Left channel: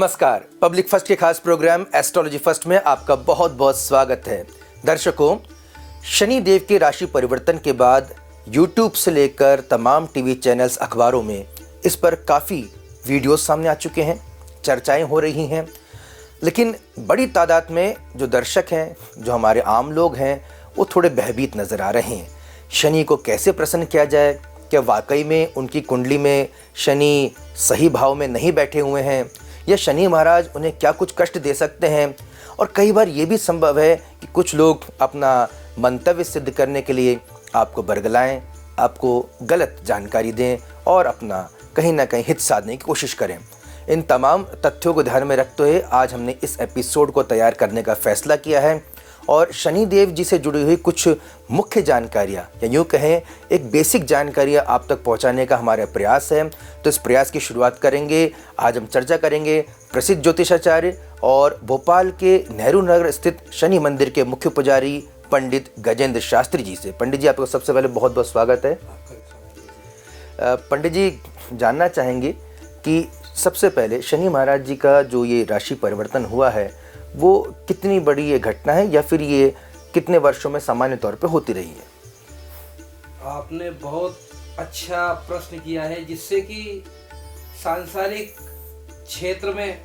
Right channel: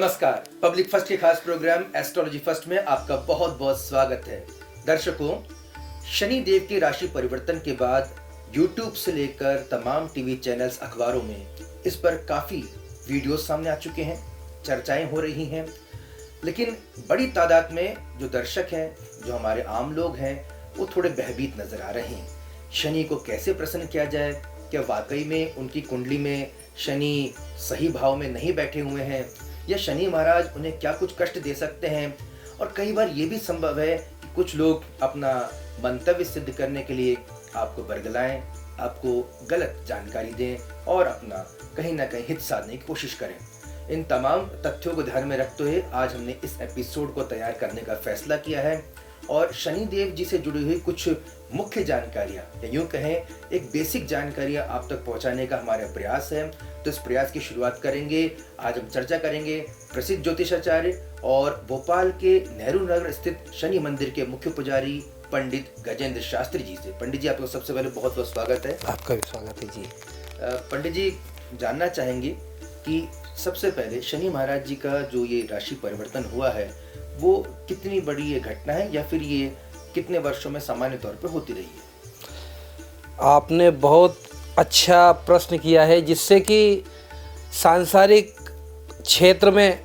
नमस्कार। Public first के खास प्रोग्राम एस्ट्रोलॉजी फर्स्ट में आपका बहुत बहुत स्वागत है। दर्शकों, शनि देव के राशि परिवर्तन के बाद YouTube से लेकर तमाम टीवी चैनल्स, अखबारों में इस पर काफ़ी वीडियोस सामने आ चुके हैं, चर्चाएं हो रही हैं, लेकिन बड़ी तादाद में जो दर्शक हैं, जो हमारे आम लोग हैं, वो थोड़े भयभीत नज़र आ रहे हैं। शनि को कैसे प्रसन्न किया जाए? क्या वाकई में उनकी कुंडली में शनि सही भाव में नहीं बैठे हुए हैं, या शनि महाराज उन्हें क्या कुछ कष्ट दे सकते हैं? और कई बार ये भी संभव है कि कुछ लोग अपना मंतव्य सिद्ध करने के लिए आपको बरगलाएं, आपको गलत जानकारी दें और अपना कहीं ना कहीं हित साधने की कोशिश करें। इन तमाम तथ्यों को ध्यान में रखते हुए आज हमने इस एपिसोड को तैयार करने का फैसला किया है और शनि देव जी से जुड़ी हुई कुछ मुख्य जानकारियाँ, या यूँ कहें एक बेसिक जानकारियाँ आप तक पहुँचाने का हमारा प्रयास है। तो इस प्रयास की शुरुआत करेंगे। आज हम चर्चा करेंगे प्रसिद्ध ज्योतिषाचार्य और भोपाल के नेहरू नगर स्थित शनि मंदिर के मुख्य पुजारी पंडित गजेंद्र शास्त्री जी से। पंडित जी, आपका सबसे पहले बहुत बहुत स्वागत है। आपका भी स्वागत है जी। पंडित जी, जानना चाहेंगे कि सबसे पहले शनि महाराज जी का जो ये राशि परिवर्तन हुआ है, वो कितनी बड़ी ये घटना है या फिर ये कितने वर्षों में सामान्य तौर पे होती रही है? आपने बहुत अच्छा प्रश्न किया है, जिससे कि सांसारिक क्षेत्र में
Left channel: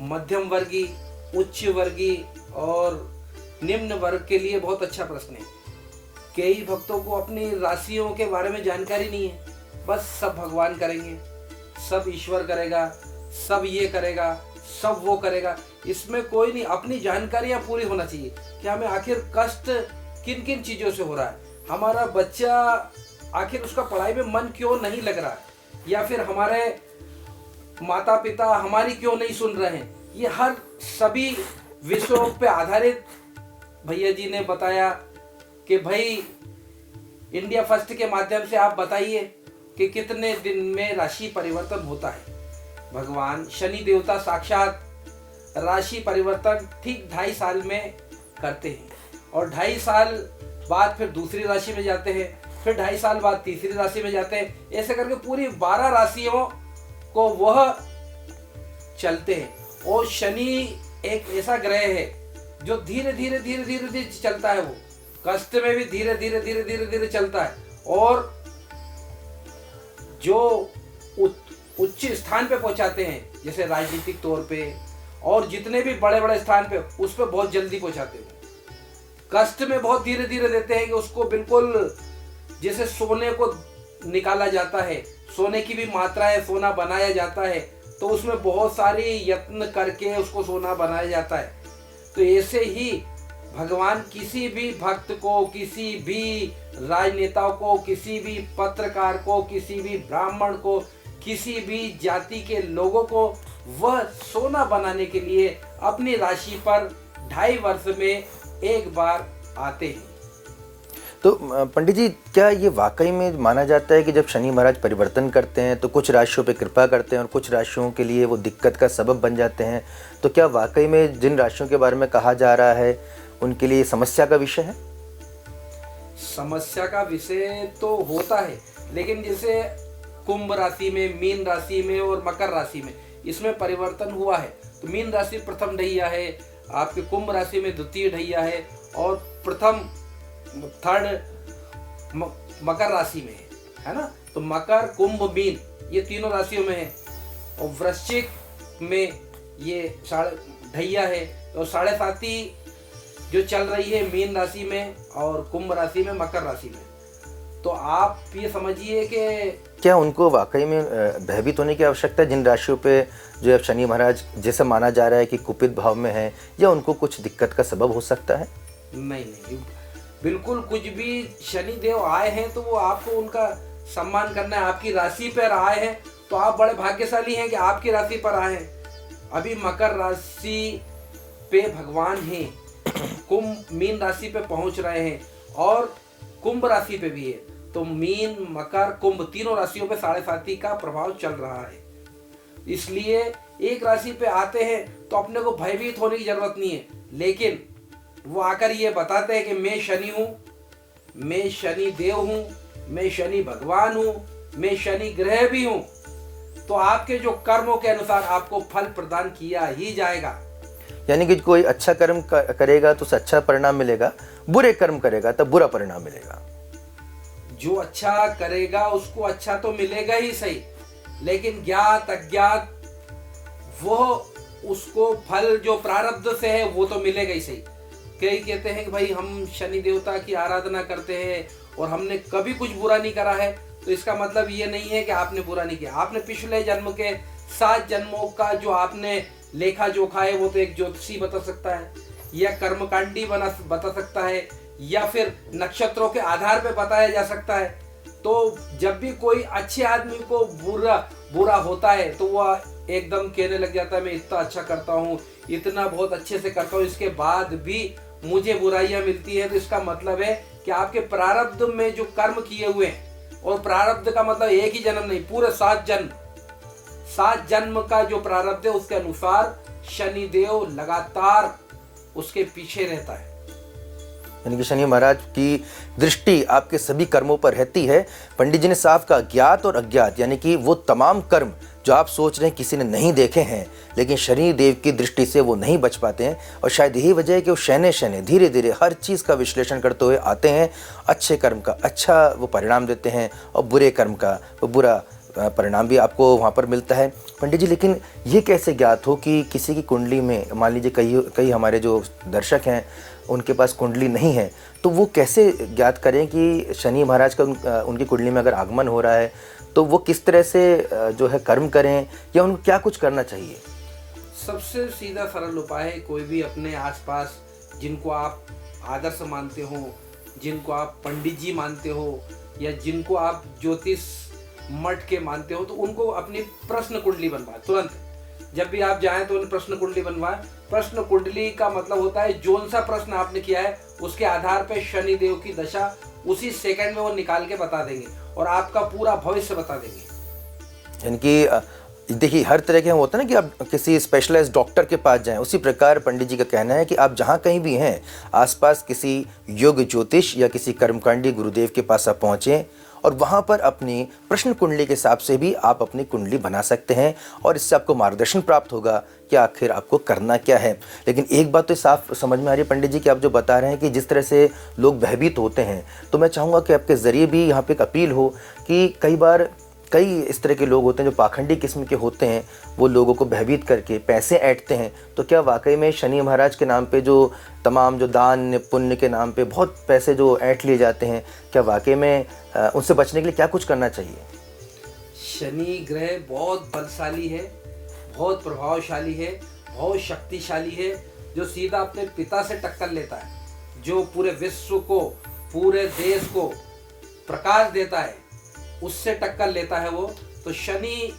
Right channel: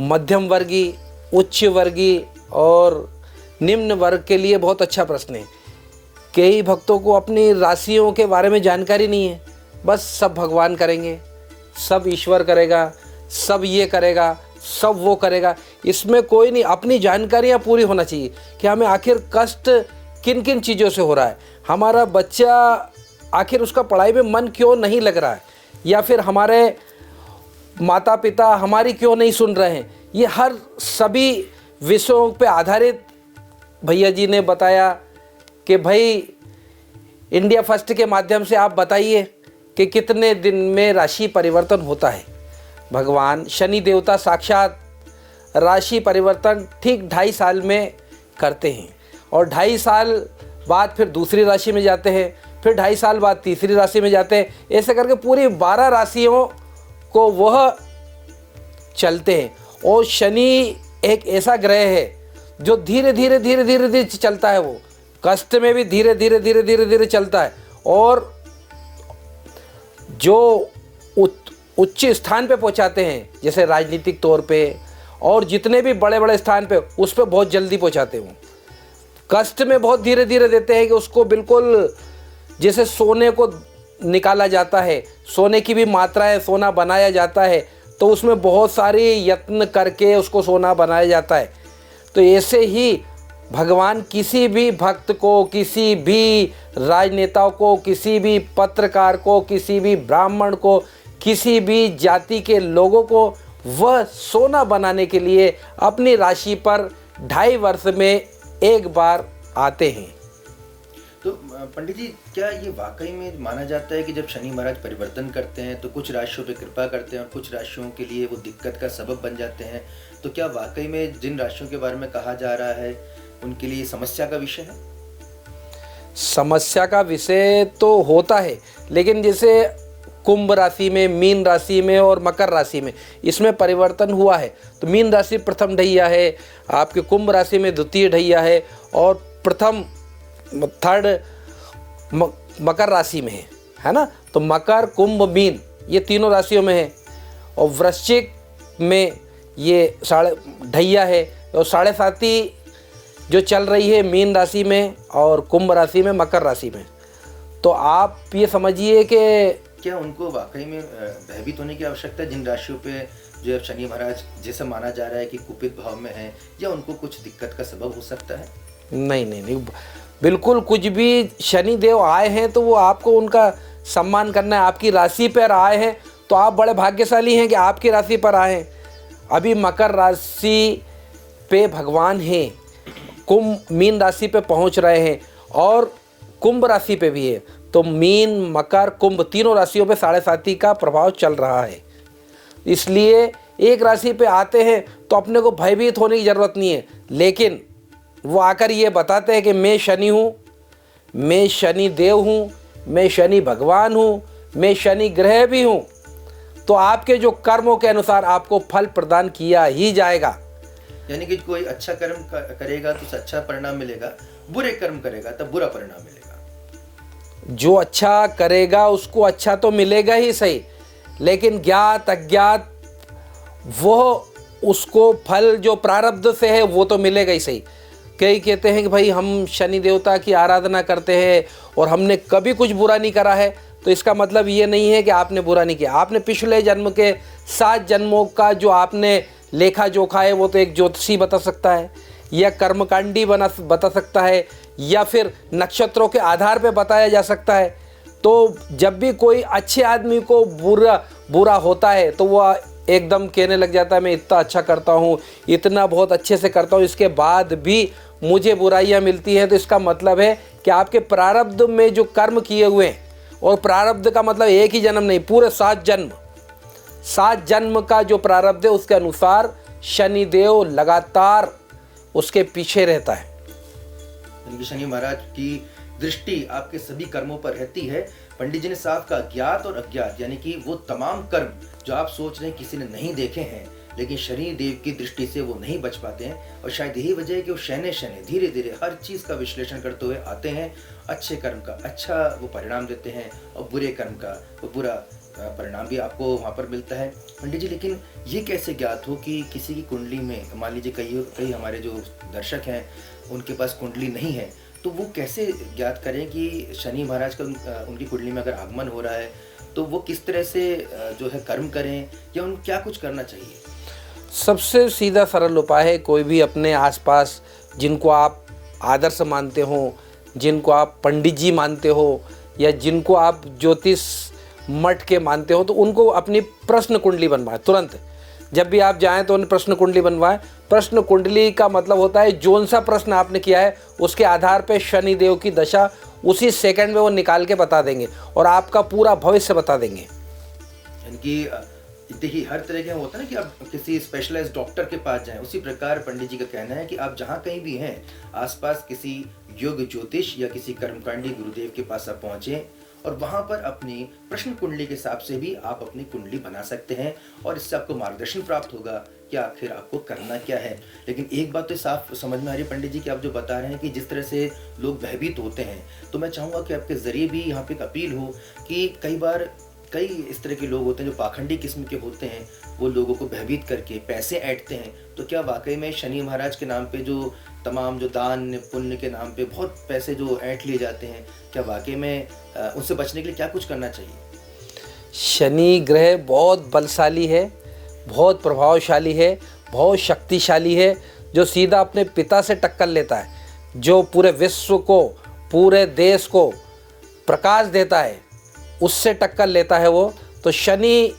मध्यम वर्गीय, उच्च वर्गीय और निम्न वर्ग के लिए बहुत अच्छा प्रश्न है। कई भक्तों को अपनी राशियों के बारे में जानकारी नहीं है। बस सब भगवान करेंगे, सब ईश्वर करेगा, सब ये करेगा, सब वो करेगा, इसमें कोई नहीं। अपनी जानकारियाँ पूरी होना चाहिए कि हमें आखिर कष्ट किन किन चीज़ों से हो रहा है, हमारा बच्चा आखिर उसका पढ़ाई में मन क्यों नहीं लग रहा है, या फिर हमारे माता पिता हमारी क्यों नहीं सुन रहे हैं। ये हर सभी विषयों पे आधारित भैया जी ने बताया कि भाई इंडिया फर्स्ट के माध्यम से आप बताइए कि कितने दिन में राशि परिवर्तन होता है। भगवान शनि देवता साक्षात राशि परिवर्तन ठीक 2.5 साल में करते हैं और 2.5 साल बाद फिर दूसरी राशि में जाते हैं, फिर 2.5 साल बाद तीसरी राशि में जाते हैं। ऐसे करके पूरी 12 राशियों को वह चलते हैं। और शनि एक ऐसा ग्रह है जो धीरे धीरे धीरे धीरे धीरे चलता है। वो कष्ट में भी धीरे धीरे धीरे धीरे धीरे चलता है और जो उच्च स्थान पे पहुंचाते हैं, जैसे राजनीतिक तौर पे और जितने भी बड़े बड़े स्थान पे, उस पे बहुत जल्दी पहुंचाते हैं। कष्ट में बहुत धीरे धीरे देते हैं कि उसको बिल्कुल जैसे सोने को निकाला जाता है, सोने की भी मात्रा है, सोना बनाया जाता है, तो उसमें बहुत सारी यत्न करके उसको सोना बनाया जाता है। तो ऐसे ही भगवान किसी भी भक्त को, किसी भी राजनेता को, किसी भी पत्रकार को, किसी भी ब्राह्मण को, किसी भी जाति के लोगों को वह सोना बनाने के लिए अपनी राशि पर 2.5 वर्ष में एक बार आते हैं। तो पंडित जी, क्या ये वाकई में माना जाता है कि जब शनि महाराज परिवर्तन करते हैं तो कुछ राशियों पे कृपा करते हैं और कुछ राशियों के लिए वो दिक्कत का सबब बन जाते हैं? तो क्या वाकई में जिन राशियों के बारे में कहा जा रहा है उनके लिए समस्या का विषय है? समस्या का विषय तो होता है, लेकिन जैसे कुंभ राशि में, मीन राशि में और मकर राशि में इसमें परिवर्तन हुआ है। तो मीन राशि प्रथम ढैया है, आपके कुंभ राशि में द्वितीय ढैया है और प्रथम थर्ड मकर राशि में है ना। तो मकर, कुंभ, मीन ये तीनों राशियों में है और वृश्चिक में ये ढैया है और 7.5 जो चल रही है मीन राशि में और कुंभ राशि में, मकर राशि में। तो आप ये समझिए कि क्या उनको वाकई में भयभीत होने की आवश्यकता है जिन राशियों पे जो अब शनि महाराज जैसे माना जा रहा है कि कुपित भाव में है, या उनको कुछ दिक्कत का सबब हो सकता है? नहीं नहीं नहीं, बिल्कुल कुछ भी शनि देव आए हैं तो वो आपको उनका सम्मान करना है। आपकी राशि पर आए हैं तो आप बड़े भाग्यशाली हैं कि आपकी राशि पर आए हैं। अभी मकर राशि पे भगवान हैं, मीन राशि पे पहुंच रहे हैं और कुंभ राशि पे भी है। तो मीन, मकर, कुंभ तीनों राशियों पे 7.5 का प्रभाव चल रहा है। इसलिए एक राशि पे आते हैं तो अपने को भयभीत होने की जरूरत नहीं है, लेकिन वो आकर ये बताते हैं कि मैं शनि हूँ, मैं शनि देव हूँ, मैं शनि भगवान हूँ, मैं शनि ग्रह भी हूँ। तो आपके जो कर्मों के अनुसार आपको फल प्रदान किया ही जाएगा। यानी कि कोई अच्छा कर्म करेगा तो उसे अच्छा परिणाम मिलेगा, बुरे कर्म करेगा तो बुरा परिणाम मिलेगा। जो अच्छा करेगा उसको अच्छा तो मिलेगा ही सही, लेकिन ज्ञात अज्ञात वो उसको फल जो प्रारब्ध से है वो तो मिलेगा ही सही। कई कहते हैं कि भाई हम शनि देवता की आराधना करते हैं और हमने कभी कुछ बुरा नहीं करा है, तो इसका मतलब ये नहीं है कि आपने बुरा नहीं किया। आपने पिछले जन्म के 7 जन्मों का जो आपने लेखा जोखा है वो तो एक ज्योतिषी बता सकता है, या कर्मकांडी बता सकता है, या फिर नक्षत्रों के आधार पर बताया जा सकता है। तो जब भी कोई अच्छे आदमी को बुरा होता है तो वह एकदम कहने लग जाता है मैं इतना अच्छा करता हूँ, इतना बहुत अच्छे से करता हूँ, इसके बाद भी मुझे बुराइयाँ मिलती हैं। तो इसका मतलब है कि आपके प्रारब्ध में जो कर्म किए हुए हैं, और प्रारब्ध का मतलब एक ही जन्म नहीं, पूरे 7 जन्म का जो प्रारब्ध है उसके अनुसार शनिदेव लगातार उसके पीछे रहता है। यानी कि शनि महाराज की दृष्टि आपके सभी कर्मों पर रहती है। पंडित जी ने साफ कहा, ज्ञात और अज्ञात, यानी कि वो तमाम कर्म जो आप सोच रहे हैं किसी ने नहीं देखे हैं, लेकिन शनि देव की दृष्टि से वो नहीं बच पाते हैं। और शायद यही वजह है कि वो शनि धीरे धीरे हर चीज़ का विश्लेषण करते हुए आते हैं, अच्छे कर्म का अच्छा वो परिणाम देते हैं और बुरे कर्म का वो बुरा परिणाम भी आपको वहाँ पर मिलता है। पंडित जी, लेकिन ये कैसे ज्ञात हो कि किसी की कुंडली में, मान लीजिए कई हमारे जो दर्शक हैं उनके पास कुंडली नहीं है, तो वो कैसे ज्ञात करें कि शनि महाराज का उनकी कुंडली में अगर आगमन हो रहा है तो वो किस तरह से जो है कर्म करें, या उनको क्या कुछ करना चाहिए? सबसे सीधा सरल उपाय है, कोई भी अपने आसपास जिनको आप आदर्श मानते हो, जिनको आप पंडित जी मानते हो, या जिनको आप ज्योतिष मठ के मानते हो, तो उनको अपनी प्रश्न कुंडली बनवाएं तुरंत। जब भी आप जाएं तो उन्हें प्रश्न कुंडली बनवाएं। प्रश्न कुंडली का मतलब होता है जोन सा प्रश्न आपने किया है उसके आधार पर शनि देव की दशा उसी सेकंड में वो निकाल के बता देंगे और आपका पूरा भविष्य बता देंगे। यानी कि देखिए, हर तरह के होता है ना कि आप किसी स्पेशलाइज्ड डॉक्टर के पास जाएं, उसी प्रकार पंडित जी का कहना है कि आप जहाँ कहीं भी हैं आसपास किसी योग ज्योतिष या किसी कर्मकांडी गुरुदेव के पास आप पहुँचें और वहाँ पर अपनी प्रश्न कुंडली के हिसाब से भी आप अपनी कुंडली बना सकते हैं और इससे आपको मार्गदर्शन प्राप्त होगा कि आखिर आपको करना क्या है। लेकिन एक बात तो साफ समझ में आ रही है पंडित जी कि आप जो बता रहे हैं कि जिस तरह से लोग भयभीत होते हैं, तो मैं चाहूँगा कि आपके ज़रिए भी यहाँ पे एक अपील हो कि कई इस तरह के लोग होते हैं जो पाखंडी किस्म के होते हैं, वो लोगों को भयभीत करके पैसे ऐंठते हैं। तो क्या वाकई में शनि महाराज के नाम पे जो तमाम जो दान पुण्य के नाम पे बहुत पैसे जो ऐंठ लिए जाते हैं, क्या वाकई में उनसे बचने के लिए क्या कुछ करना चाहिए? शनि ग्रह बहुत बलशाली है, बहुत प्रभावशाली है, बहुत शक्तिशाली है, जो सीधा अपने पिता से टक्कर लेता है, जो पूरे विश्व को, पूरे देश को प्रकाश देता है, उससे टक्कर लेता है वो। तो शनि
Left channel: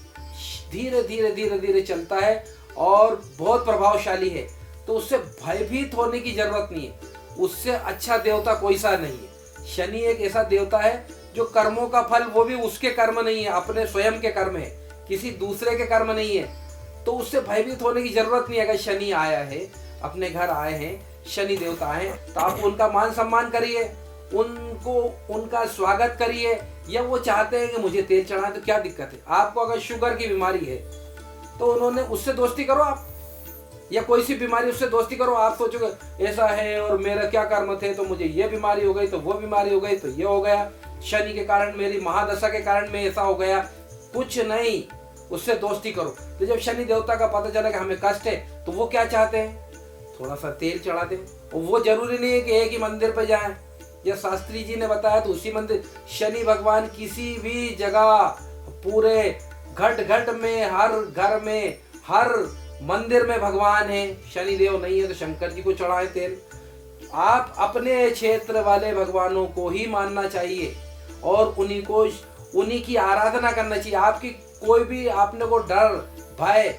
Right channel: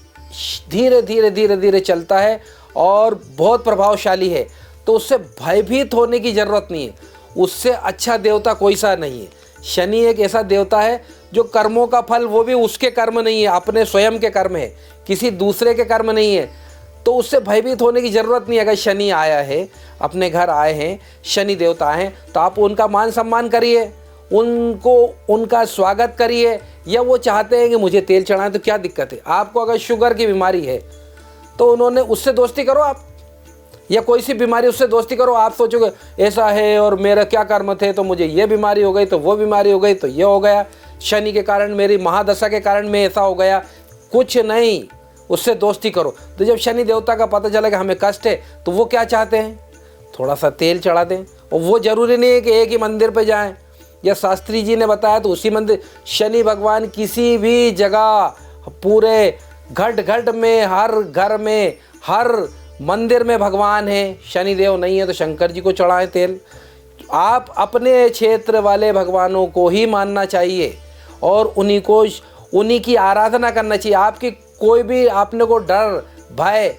धीरे धीरे चलता है और बहुत प्रभावशाली है, तो उससे भयभीत होने की ज़रूरत नहीं है। उससे अच्छा देवता कोई सा नहीं है। शनि एक ऐसा देवता है जो कर्मों का फल, वो भी उसके कर्म नहीं है, अपने स्वयं के कर्म है, किसी दूसरे के कर्म नहीं है। तो उससे भयभीत होने की ज़रूरत नहीं है। अगर शनि आया है, अपने घर आए हैं, शनि देवता आए, तो आप उनका मान सम्मान करिए, उनका स्वागत करिए। या वो चाहते हैं कि मुझे तेल चढ़ाएं, तो क्या दिक्कत है? आपको अगर शुगर की बीमारी है तो उन्होंने उससे दोस्ती करो आप, या कोई सी बीमारी उससे दोस्ती करो। आप सोचोगे ऐसा है और मेरा क्या कर्म थे तो मुझे ये बीमारी हो गई, तो वो बीमारी हो गई, तो ये हो गया, शनि के कारण, मेरी महादशा के कारण मैं ऐसा हो गया। कुछ नहीं, उससे दोस्ती करो। तो जब शनि देवता का पता चला कि हमें कष्ट है, तो वो क्या चाहते हैं? थोड़ा सा तेल चढ़ा दें। और वो जरूरी नहीं है कि एक ही मंदिर पे जाएं, या शास्त्री जी ने बताया तो उसी मंदिर। शनि भगवान किसी भी जगह, पूरे घट में, हर घर में, हर मंदिर में भगवान है। शनि देव नहीं है तो शंकर जी को चढ़ाएं तेल। आप अपने क्षेत्र वाले भगवानों को ही मानना चाहिए और उन्हीं की आराधना करना चाहिए। आपकी कोई भी आपने को डर भय,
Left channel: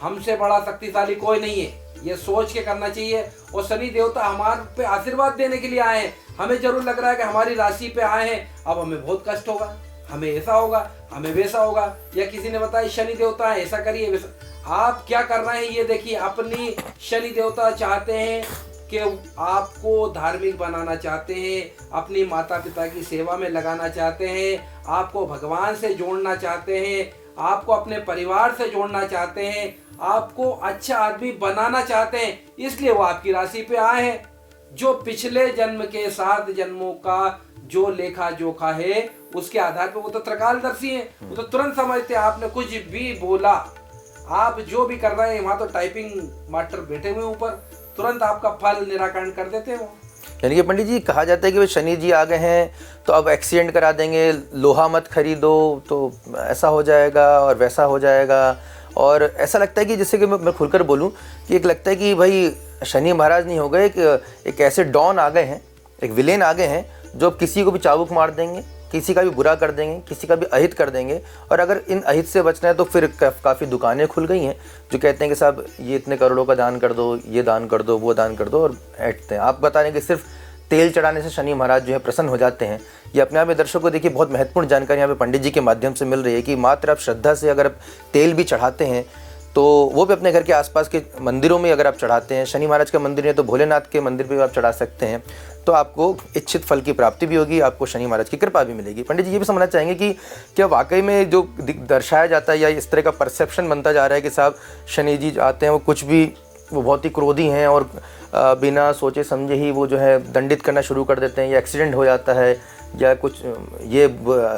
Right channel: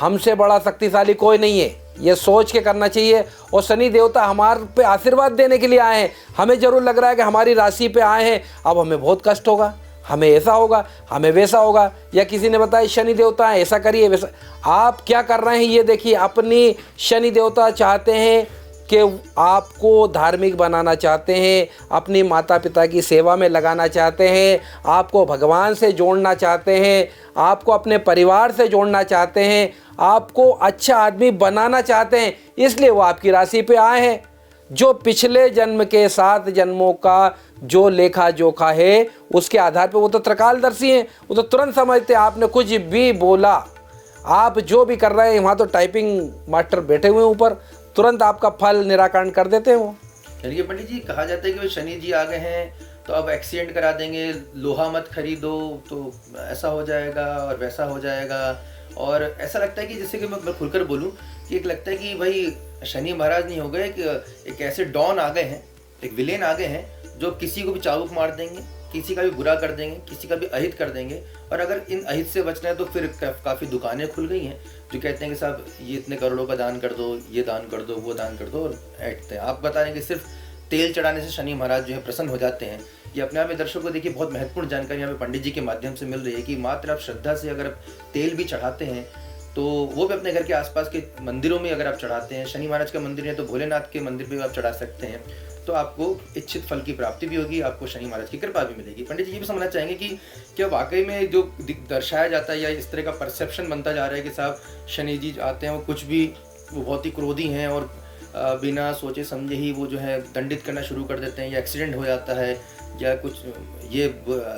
हमसे बड़ा शक्तिशाली कोई नहीं है, ये सोच के करना चाहिए। और शनि देवता हमारे पे आशीर्वाद देने के लिए आए हैं। हमें जरूर लग रहा है कि हमारी राशि पे आए हैं, अब हमें बहुत कष्ट होगा, हमें ऐसा होगा, हमें वैसा होगा, या किसी ने बताया शनि देवता है ऐसा करिए वैसा। आप क्या कर रहे हैं ये देखिए। अपनी शनि देवता चाहते हैं कि आपको धार्मिक बनाना चाहते हैं, अपनी माता पिता की सेवा में लगाना चाहते हैं, आपको भगवान से जोड़ना चाहते हैं, आपको अपने परिवार से जोड़ना चाहते हैं, आपको अच्छा आदमी बनाना चाहते हैं, इसलिए वो आपकी राशि पे आए हैं। जो पिछले जन्म के 7 जन्मों का जो लेखा जोखा है उसके आधार पे वो तो त्रिकालदर्शी हैं, वो तो तुरंत समझते हैं। आपने कुछ भी बोला, आप जो भी कर रहे हैं, वहाँ तो टाइपिंग मास्टर बैठे हुए हैं ऊपर, तुरंत आपका फल निराकरण कर देते हैं वो। यानी कि पंडित जी कहा जाता है कि वे शनि जी आ गए हैं तो अब एक्सीडेंट करा देंगे, लोहा मत खरीदो तो ऐसा हो जाएगा और वैसा हो जाएगा। और ऐसा लगता है कि जैसे कि मैं खुलकर बोलूं कि एक लगता है कि भाई शनि महाराज नहीं हो गए, एक ऐसे डॉन आ गए हैं, एक विलेन आ गए हैं जो किसी को भी चाबुक मार देंगे, किसी का भी बुरा कर देंगे, किसी का भी अहित कर देंगे। और अगर इन अहित से बचना है तो फिर काफ़ी दुकानें खुल गई हैं जो कहते हैं कि साहब ये इतने करोड़ों का दान कर दो, ये दान कर दो, वो दान कर दो, और ऐंठते हैं। आप बता रहे हैं कि सिर्फ तेल चढ़ाने से शनि महाराज जो है प्रसन्न हो जाते हैं। ये अपने आप में दर्शकों को देखिए बहुत महत्वपूर्ण जानकारी यहाँ पे पंडित जी के माध्यम से मिल रही है कि मात्र आप श्रद्धा से अगर आप तेल भी चढ़ाते हैं तो वो भी अपने घर के आसपास के मंदिरों में अगर आप चढ़ाते हैं, शनि महाराज का मंदिर है तो भोलेनाथ के मंदिर पे आप चढ़ा सकते हैं, तो आपको इच्छित फल की प्राप्ति भी होगी, आपको शनि महाराज की कृपा भी मिलेगी। पंडित जी ये भी समझना चाहेंगे कि क्या वाकई में जो दर्शाया जाता है या इस तरह का परसेप्शन बनता जा रहा है कि साहब शनि जी आते हैं, वो बहुत ही क्रोधी हैं और बिना सोचे समझे ही वो जो है दंडित करना शुरू कर देते हैं, या एक्सीडेंट हो जाता है या कुछ ये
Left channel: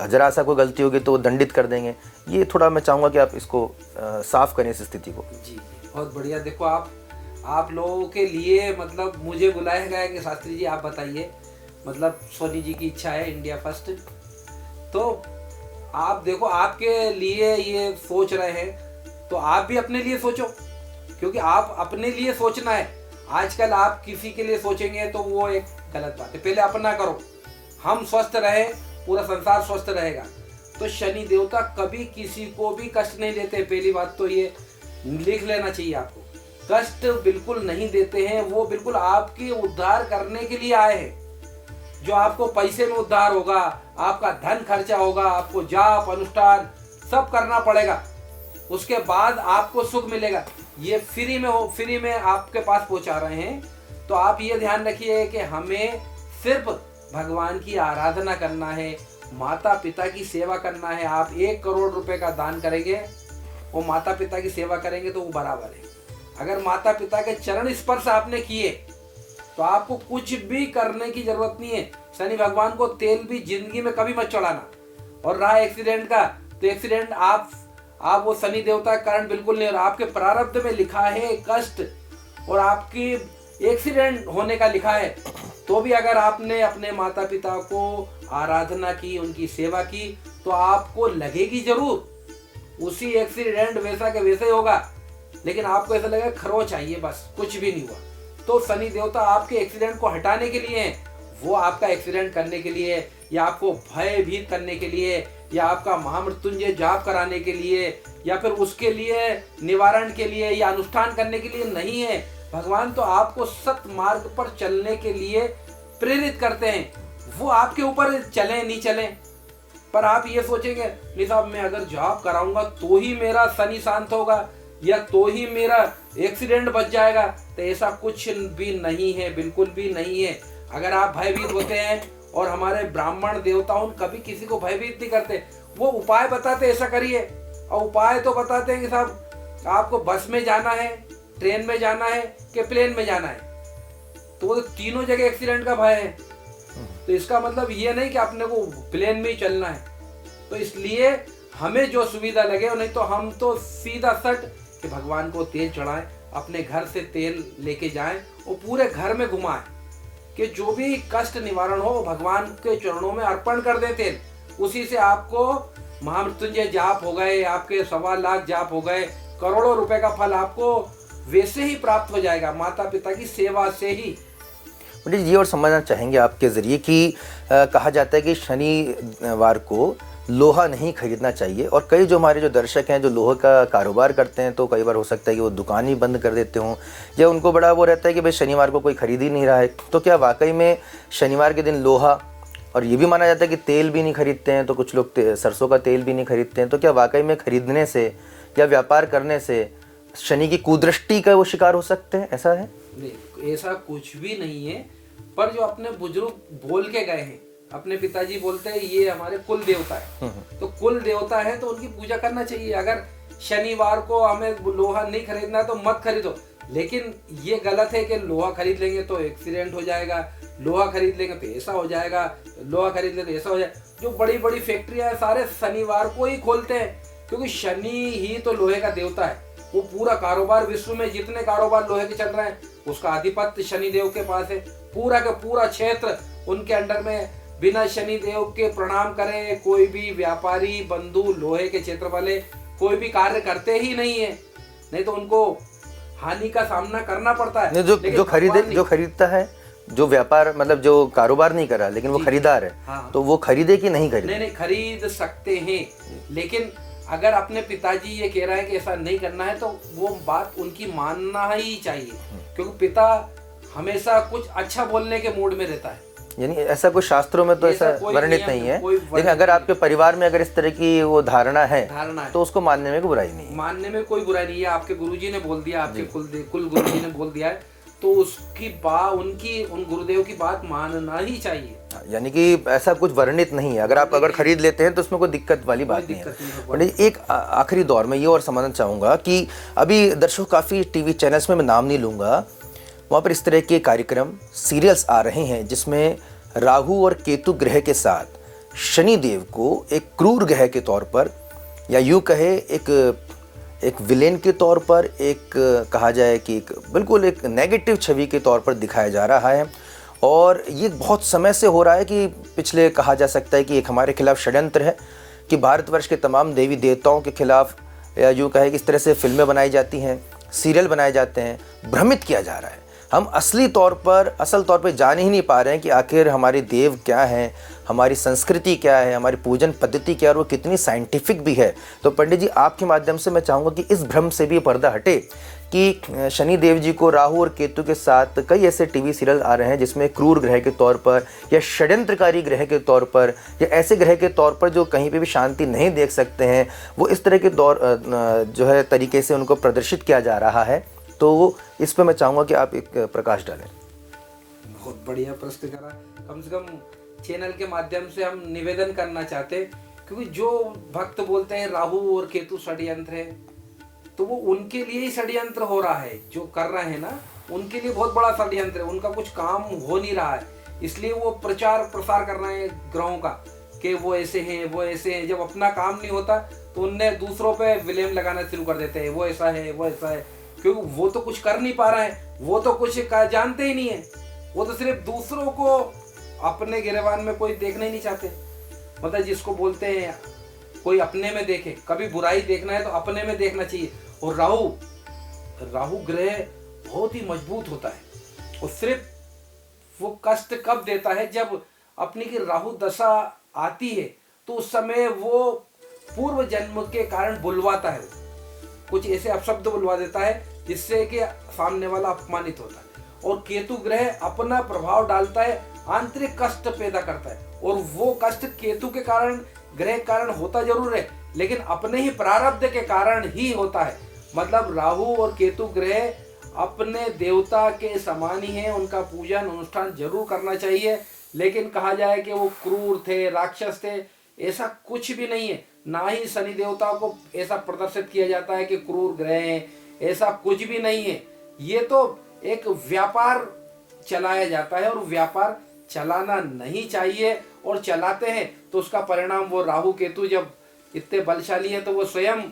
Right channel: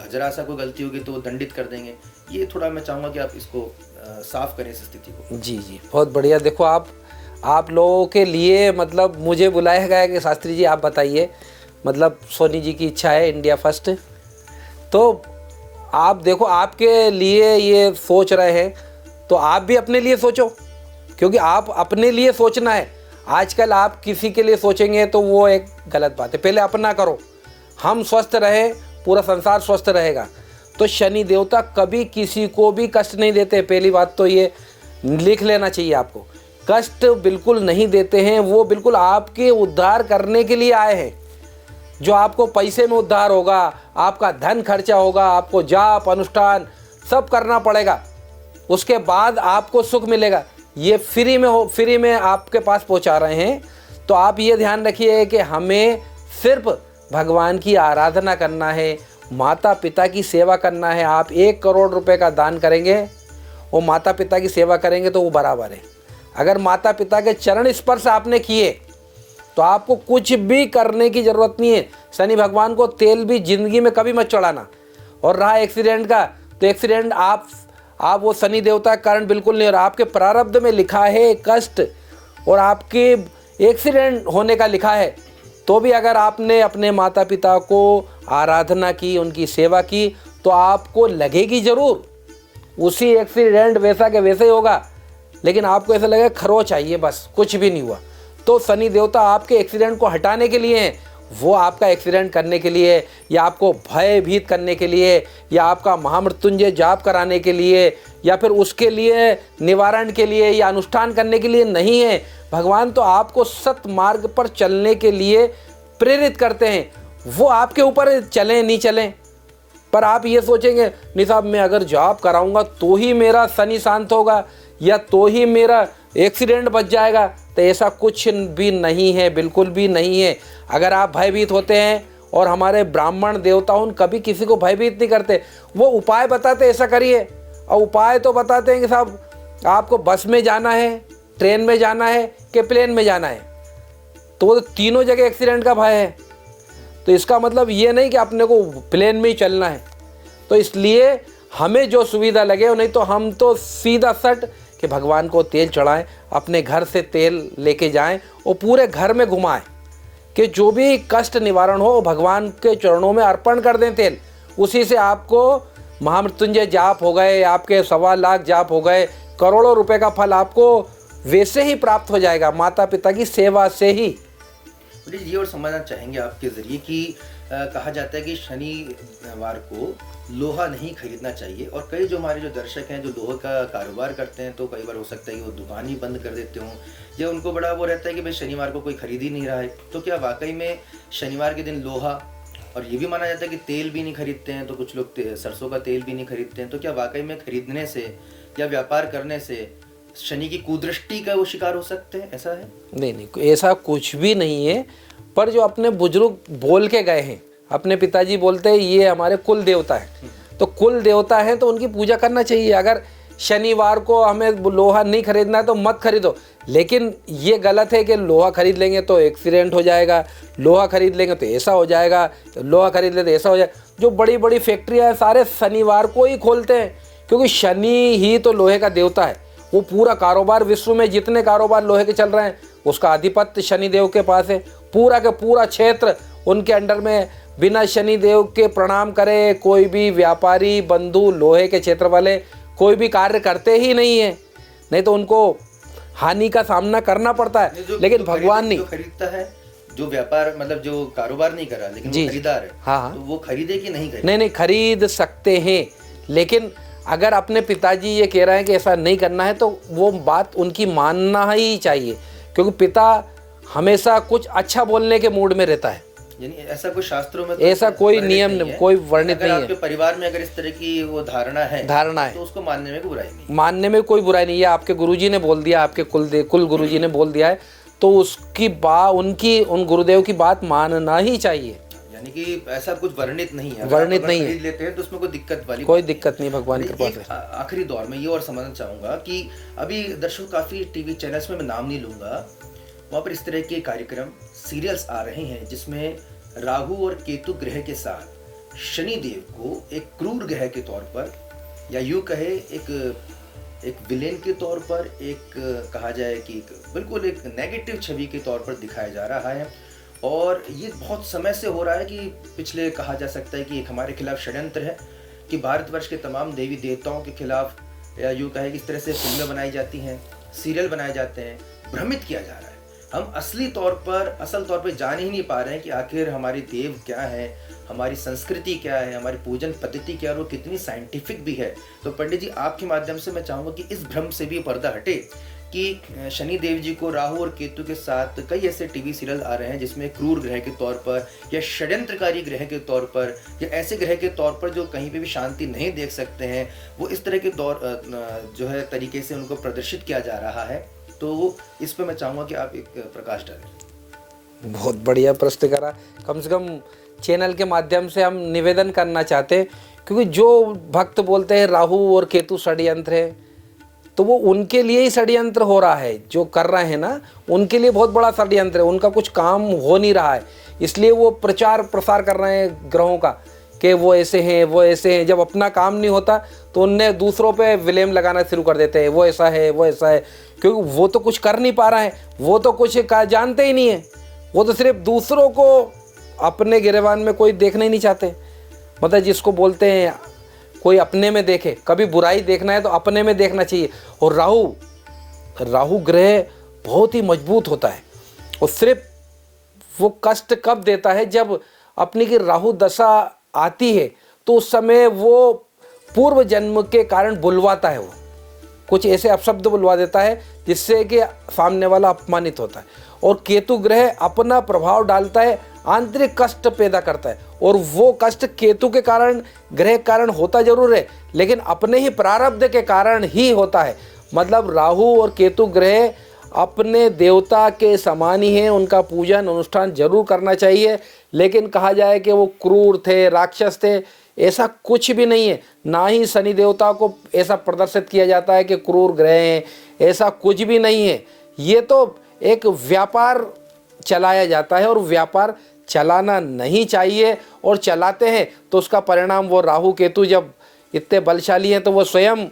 जरा सा कोई गलती होगी तो वो दंडित कर देंगे, ये थोड़ा मैं चाहूँगा कि आप इसको साफ करें इस स्थिति को। जी जी, बहुत बढ़िया। देखो आप लोगों के लिए मतलब मुझे बुलाया गया कि शास्त्री जी आप बताइए, मतलब सोनी जी की इच्छा है इंडिया फर्स्ट, तो आप देखो आपके लिए ये सोच रहे हैं तो आप भी अपने लिए सोचो, क्योंकि आप अपने लिए सोचना है। आजकल आप किसी के लिए सोचेंगे तो वो एक गलत बात है। पहले अपना करो, हम स्वस्थ रहे पूरा संसार स्वस्थ रहेगा। तो शनि देवता कभी किसी को भी कष्ट नहीं देते, पहली बात तो ये लिख लेना चाहिए आपको। कष्ट बिल्कुल नहीं देते हैं, वो बिल्कुल आपके उद्धार करने के लिए आए हैं। जो आपको पैसे में उद्धार होगा, आपका धन खर्चा होगा, आपको जाप अनुष्ठान सब करना पड़ेगा, उसके बाद आपको सुख मिलेगा। ये फ्री में आपके पास पहुंचा रहे हैं। तो आप ये ध्यान रखिए कि हमें सिर्फ भगवान की आराधना करना है, माता पिता की सेवा करना है। आप 1 करोड़ रुपए का दान करेंगे, वो माता पिता की सेवा करेंगे तो वो बराबर है। अगर माता पिता के चरण स्पर्श आपने किए तो आपको कुछ भी करने की जरूरत नहीं है। शनि भगवान को तेल भी जिंदगी में कभी मत चढ़ाना। और रहा एक्सीडेंट का, तो एक्सीडेंट आप वो शनि देवता के कारण बिल्कुल नहीं हो रहा। आपके प्रारब्ध में लिखा है कष्ट और आपके एक्सीडेंट होने का लिखा है, तो भी अगर आपने अपने माता पिता को आराधना की, उनकी सेवा की, तो आपको लगेगी जरूर उसी एक्सीडेंट वैसा के वैसे ही होगा, लेकिन आपको ऐसा लगेगा खरोच चाहिए, बस कुछ भी नहीं हुआ। तो शनि देवता आपके एक्सीडेंट को हटाने के लिए हैं, वो आपका एक्सीडेंट करने के लिए या आपको भयभीत करने के लिए या आपका महामृत्युंजय जाप कराने के लिए या फिर उसके लिए निवारण के लिए या अनुष्ठान करने के लिए नहीं है। भगवान तो आपको सत मार्ग पर चलने के लिए प्रेरित करते हैं। वो आपके ऊपर चलें नहीं चलें, पर आप ये सोचेंगे नहीं साहब मैं अगर जाप कराऊंगा तो ही मेरा शनि शांत होगा या तो ही मेरा एक्सीडेंट बच जाएगा, तो ऐसा कुछ भी नहीं है, बिल्कुल भी नहीं है। अगर आप भयभीत होते हैं, और हमारे ब्राह्मण देवताओं कभी किसी को भयभीत नहीं करते, वो उपाय बताते ऐसा करिए, और उपाय तो बताते हैं कि साहब आपको बस में जाना है, ट्रेन में जाना है कि प्लेन में जाना है, तो वो तीनों जगह एक्सीडेंट का भय है। तो इसका मतलब ये नहीं कि अपने को प्लेन में ही चलना है। तो इसलिए हमें जो सुविधा लगे, नहीं तो हम तो सीधा सट कि भगवान को तेल चढ़ाएं, अपने घर से तेल लेके जाएं और पूरे घर में घुमाएं कि जो भी कष्ट निवारण हो भगवान के चरणों में अर्पण कर दें तेल। उसी से आपको महामृत्युंजय जाप हो गए, आपके 1.25 लाख जाप हो गए, करोड़ों रुपए का फल आपको वैसे ही प्राप्त हो जाएगा, माता पिता की सेवा से ही। पंडित जी और समझना चाहेंगे आपके ज़रिए कि कहा जाता है कि शनिवार को लोहा नहीं खरीदना चाहिए, और कई जो हमारे जो दर्शक हैं जो लोहे का कारोबार करते हैं, तो कई बार हो सकता है कि वो दुकान ही बंद कर देते हों, या उनको बड़ा वो रहता है कि भाई शनिवार को कोई खरीद ही नहीं रहा है। तो क्या वाकई में शनिवार के दिन लोहा, और ये भी माना जाता है कि तेल भी नहीं खरीदते हैं, तो कुछ लोग सरसों का तेल भी नहीं खरीदते हैं, तो क्या वाकई में खरीदने से या व्यापार करने से शनि की कुदृष्टि का वो शिकार हो सकते हैं, ऐसा है? नहीं, ऐसा कुछ भी नहीं है। पर जो अपने बुजुर्ग बोल के गए हैं, अपने पिताजी बोलते हैं ये हमारे कुल देवता है, तो कुल देवता है तो उनकी पूजा करना चाहिए। अगर शनिवार को हमें लोहा नहीं खरीदना है तो मत खरीदो, लेकिन ये गलत है कि लोहा खरीद लेंगे तो एक्सीडेंट हो जाएगा, लोहा खरीद लेंगे तो ऐसा हो जाएगा, लोहा खरीद लेंगे तो ऐसा हो जाएगा। जो बड़ी बड़ी फैक्ट्रियाँ हैं सारे शनिवार को ही खोलते हैं, क्योंकि शनि ही तो लोहे का देवता है। वो पूरा कारोबार, विश्व में जितने कारोबार लोहे के चल रहे हैं उसका आधिपत्य शनिदेव के पास है। पूरा का पूरा क्षेत्र उनके अंडर में। बिना शनिदेव के प्रणाम करे कोई भी व्यापारी बंधु, लोहे के क्षेत्र वाले कोई भी कार्य करते ही नहीं है, नहीं तो उनको हानि का सामना करना पड़ता है। लेकिन भगवान नहीं, जो खरीदता है, जो व्यापार मतलब जो कारोबार नहीं कर रहा लेकिन वो खरीदार है, हाँ, तो वो खरीदे कि नहीं खरीदे? नहीं खरीद सकते हैं, लेकिन अगर अपने पिताजी ये कह रहे हैं कि ऐसा नहीं करना है तो वो बात उनकी मानना ही चाहिए, क्योंकि पिता हमेशा कुछ अच्छा बोलने के मूड में रहता है। यानी ऐसा कोई शास्त्रों में तो ऐसा कोई नियम नहीं है, कोई वर्णित अगर नहीं आपके परिवार में अगर इस तरह की वो धारणा है तो उसको मानने में कोई बुराई नहीं, मानने में कोई बुराई नहीं है। आपके गुरुजी ने बोल दिया, आपके कुल गुरुजी ने बोल दिया है तो उसकी उन गुरुदेव की बात मानना ही चाहिए। यानी कि ऐसा कुछ वर्णित नहीं है। अगर आप खरीद लेते हैं तो उसमें कोई दिक्कत वाली कोई दिक्कत नहीं। भगवान एक आखिरी दौर में ये और समझना चाहूंगा कि अभी दर्शकों काफी टीवी चैनल्स में मैं नाम नहीं लूंगा, वहाँ पर इस तरह के कार्यक्रम सीरियल्स आ रहे हैं जिसमें राहु और केतु ग्रह के साथ शनि देव को एक क्रूर ग्रह के तौर पर, या यूं कहे एक विलेन के तौर पर, एक कहा जाए कि बिल्कुल एक नेगेटिव छवि के तौर पर दिखाया जा रहा है। और ये बहुत समय से हो रहा है कि पिछले कहा जा सकता है कि एक हमारे खिलाफ षड्यंत्र है कि भारतवर्ष के तमाम देवी देवताओं के खिलाफ, या यूँ कहे कि इस तरह से फिल्में बनाई जाती हैं, सीरियल बनाए जाते हैं, भ्रमित किया जा रहा है। हम असल तौर पर जान ही नहीं पा रहे हैं कि आखिर हमारे देव क्या हैं, हमारी संस्कृति क्या है, हमारी पूजन पद्धति क्या है और वो कितनी साइंटिफिक भी है। तो पंडित जी, आपके माध्यम से मैं चाहूँगा कि इस भ्रम से भी पर्दा हटे कि शनि देव जी को राहु और केतु के साथ कई ऐसे टीवी सीरियल आ रहे हैं जिसमें क्रूर ग्रह के तौर पर या षड्यंत्रकारी ग्रह के तौर पर या ऐसे ग्रह के तौर पर जो कहीं पे भी शांति नहीं देख सकते हैं, वो इस तरह के जो है तरीके से उनको प्रदर्शित किया जा रहा है। तो इस पर मैं चाहूँगा कि आप एक प्रकाश डालें। बहुत बढ़िया प्रश्न करा। कम से कम चैनल के माध्यम से हम निवेदन करना चाहते हैं, क्योंकि जो भक्त बोलते हैं राहु और केतु षड्यंत्र है, तो वो उनके लिए ही षड्यंत्र हो रहा है। जो कर रहे हैं ना, उनके लिए बहुत बड़ा षड्यंत्र है। उनका कुछ काम हो नहीं रहा है, इसलिए वो प्रचार प्रसार कर रहे हैं ग्रहों का कि वो ऐसे हैं, वो ऐसे हैं। जब अपना काम नहीं होता तो उनने दूसरों पे विलेम लगाना शुरू कर देते हैं, वो ऐसा है, वो ऐसा है, क्योंकि वो तो कुछ कर नहीं पा रहे हैं, वो तो कुछ जानते ही नहीं है। वो तो सिर्फ दूसरों को अपने गिरेबान में कोई देखना ही नहीं चाहते। मतलब जिसको बोलते हैं कोई अपने में देखे, कभी बुराई देखना है तो अपने में देखना चाहिए। और राहु ग्रह बहुत ही मजबूत होता है, और सिर्फ वो कष्ट कब देता है जब अपनी की राहु दशा आती है, तो उस समय वो पूर्व जन्म के कारण बुलवाता है। वो कुछ ऐसे अपशब्द बुलवा देता है जिससे कि सामने वाला अपमानित होता है। और केतु ग्रह अपना प्रभाव डालता है, आंतरिक कष्ट पैदा करता है, और वो कष्ट केतु के कारण, ग्रह के कारण होता जरूर है, लेकिन अपने ही प्रारब्ध के कारण ही होता है। मतलब राहु और केतु ग्रह अपने देवता के समान ही हैं, उनका पूजन अनुष्ठान जरूर करना चाहिए। लेकिन कहा जाए कि वो क्रूर थे, राक्षस थे, ऐसा कुछ भी नहीं है। ना ही शनि देवता को ऐसा प्रदर्शित किया जाता है कि क्रूर ग्रह हैं, ऐसा कुछ भी नहीं है। ये तो एक व्यापार चलाया जाता है, और व्यापार चलाना नहीं चाहिए, और चलाते हैं तो उसका परिणाम वो राहु केतु जब इतने बलशाली हैं तो वो स्वयं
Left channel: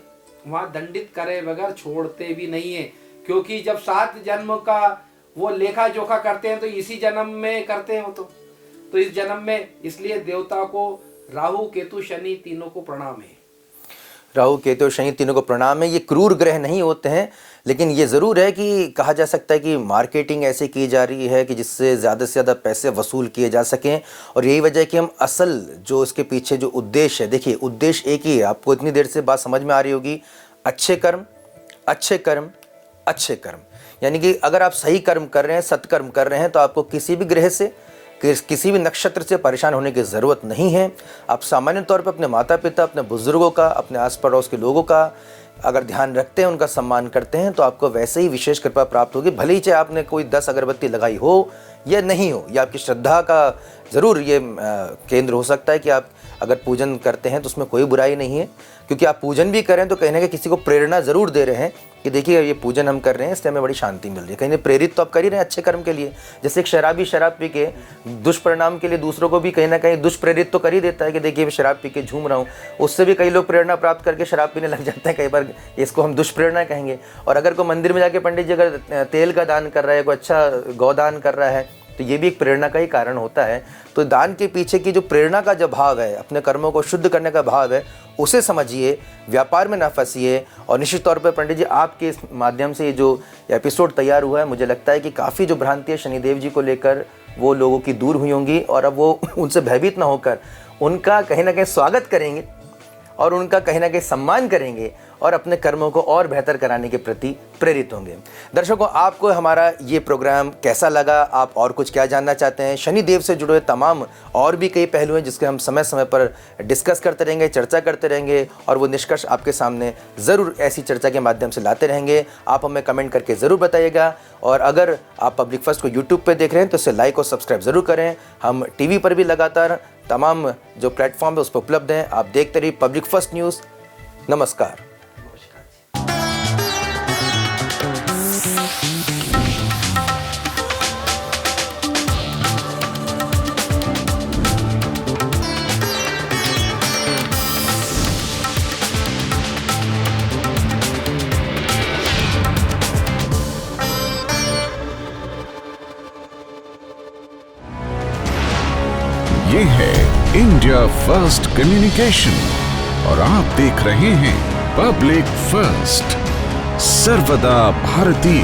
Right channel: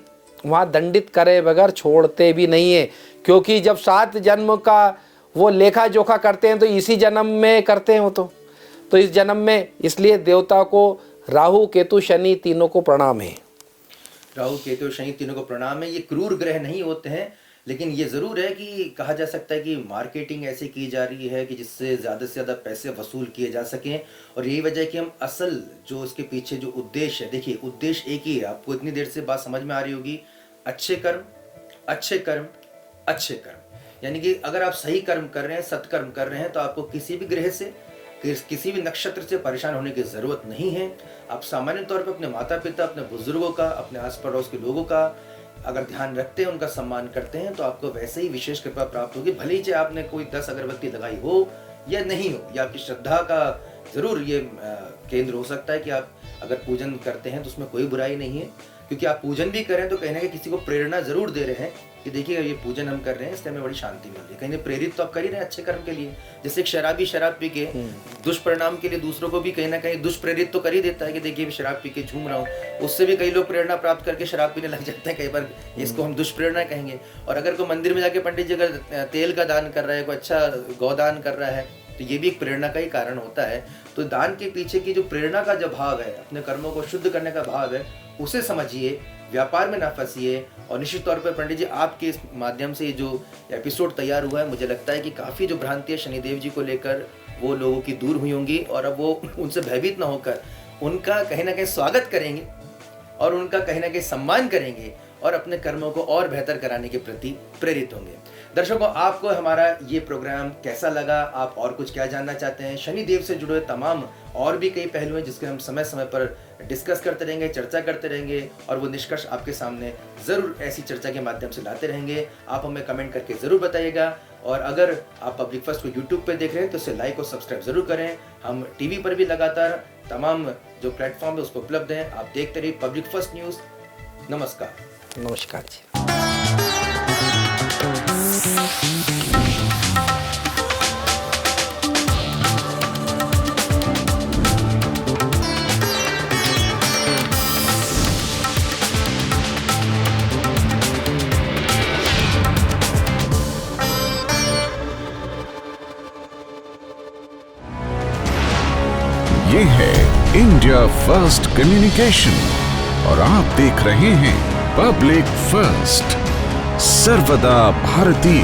वहाँ दंडित करे बगैर छोड़ते भी नहीं है। क्योंकि जब 7 जन्म का वो लेखा जोखा करते हैं तो इसी जन्म में करते हैं वो तो इस जन्म में, इसलिए देवता को राहु केतु शनि तीनों को प्रणाम है। राहु केतु शनि तीनों को प्रणाम है। ये क्रूर ग्रह नहीं होते हैं, लेकिन ये ज़रूर है कि कहा जा सकता है कि मार्केटिंग ऐसे की जा रही है कि जिससे ज़्यादा से ज़्यादा पैसे वसूल किए जा सकें। और यही वजह है कि हम असल जो इसके पीछे जो उद्देश्य है, देखिए उद्देश्य एक ही है, आपको इतनी देर से बात समझ में आ रही होगी, अच्छे कर्म अच्छे कर्म अच्छे कर्म। यानी कि अगर आप सही कर्म कर रहे हैं, सत्कर्म कर रहे हैं, तो आपको किसी भी ग्रह से, किसी भी नक्षत्र से परेशान होने की ज़रूरत नहीं है। आप सामान्य तौर पर अपने माता पिता, अपने बुजुर्गों का, अपने आस पड़ोस के लोगों का अगर ध्यान रखते हैं, उनका सम्मान करते हैं, तो आपको वैसे ही विशेष कृपा प्राप्त होगी। भले ही चाहे आपने कोई 10 अगरबत्ती लगाई हो या नहीं हो, या आपकी श्रद्धा का ज़रूर ये केंद्र हो सकता है कि आप अगर पूजन करते हैं तो उसमें कोई बुराई नहीं है, क्योंकि आप पूजन भी करें तो कहीं ना कहीं किसी को प्रेरणा ज़रूर दे रहे हैं कि देखिए ये पूजन हम कर रहे हैं, इससे हमें बड़ी शांति मिल रही है। कहीं ना प्रेरित तो आप कर ही रहे हैं अच्छे कर्म के लिए। जैसे एक शराबी शराब पी के दुष्परिणाम के लिए दूसरों को भी कहीं ना कहीं दुष्प्रेरित तो कर ही देता है कि देखिए मैं शराब पी के झूम रहा हूँ, उससे भी कई लोग प्रेरणा प्राप्त करके शराब पीने लग जाते हैं। कई बार इसको हम दुष्प्रेरणा कहेंगे। और अगर कोई मंदिर में जाके पंडित जी अगर तेल का दान कर रहा है, कोई अच्छा गौदान कर रहा है, तो ये भी एक प्रेरणा का ही कारण होता है। तो दान के पीछे की जो प्रेरणा का जो भाव है, अपने कर्मों को शुद्ध करने का भाव है, उसे समझिए, व्यापार में ना फंसिए। और निश्चित तौर पर पंडित जी आपके इस माध्यम से जो एपिसोड तैयार हुआ है, मुझे लगता है कि काफ़ी जो भ्रांतियाँ शनिदेव जी को लेकर वो लोगों की दूर हुई होंगी और अब वो उनसे भयभीत ना होकर उनका कहीं ना कहीं स्वागत करेंगे और उनका कहीं ना कहीं सम्मान करेंगे और अपने कर्मों को और बेहतर कराने के प्रति प्रेरित होंगे। दर्शकों, आपको हमारा ये प्रोग्राम कैसा लगा? आप और कुछ क्या जानना चाहते हैं? शनिदेव से जुड़े तमाम और भी कई पहलू हैं जिसके हम समय समय पर डिस्कस करते रहेंगे, चर्चा करते रहेंगे और वो निष्कर्ष आपके सामने ज़रूर ऐसी चर्चा के माध्यम से लाते रहेंगे। आप हमें कमेंट करके ज़रूर बताइएगा। और अगर आप पब्लिक फर्स्ट को यूट्यूब पर देख रहे हैं तो इसे लाइक और सब्सक्राइब ज़रूर करें। हम टीवी पर भी लगातार तमाम जो प्लेटफॉर्म है उस पर उपलब्ध हैं। आप देखते रहिए पब्लिक फर्स्ट न्यूज़। नमस्कार। नमस्कार जी। ये है इंडिया फर्स्ट कम्युनिकेशन और आप देख रहे हैं पब्लिक फर्स्ट, सर्वदा भारतीय।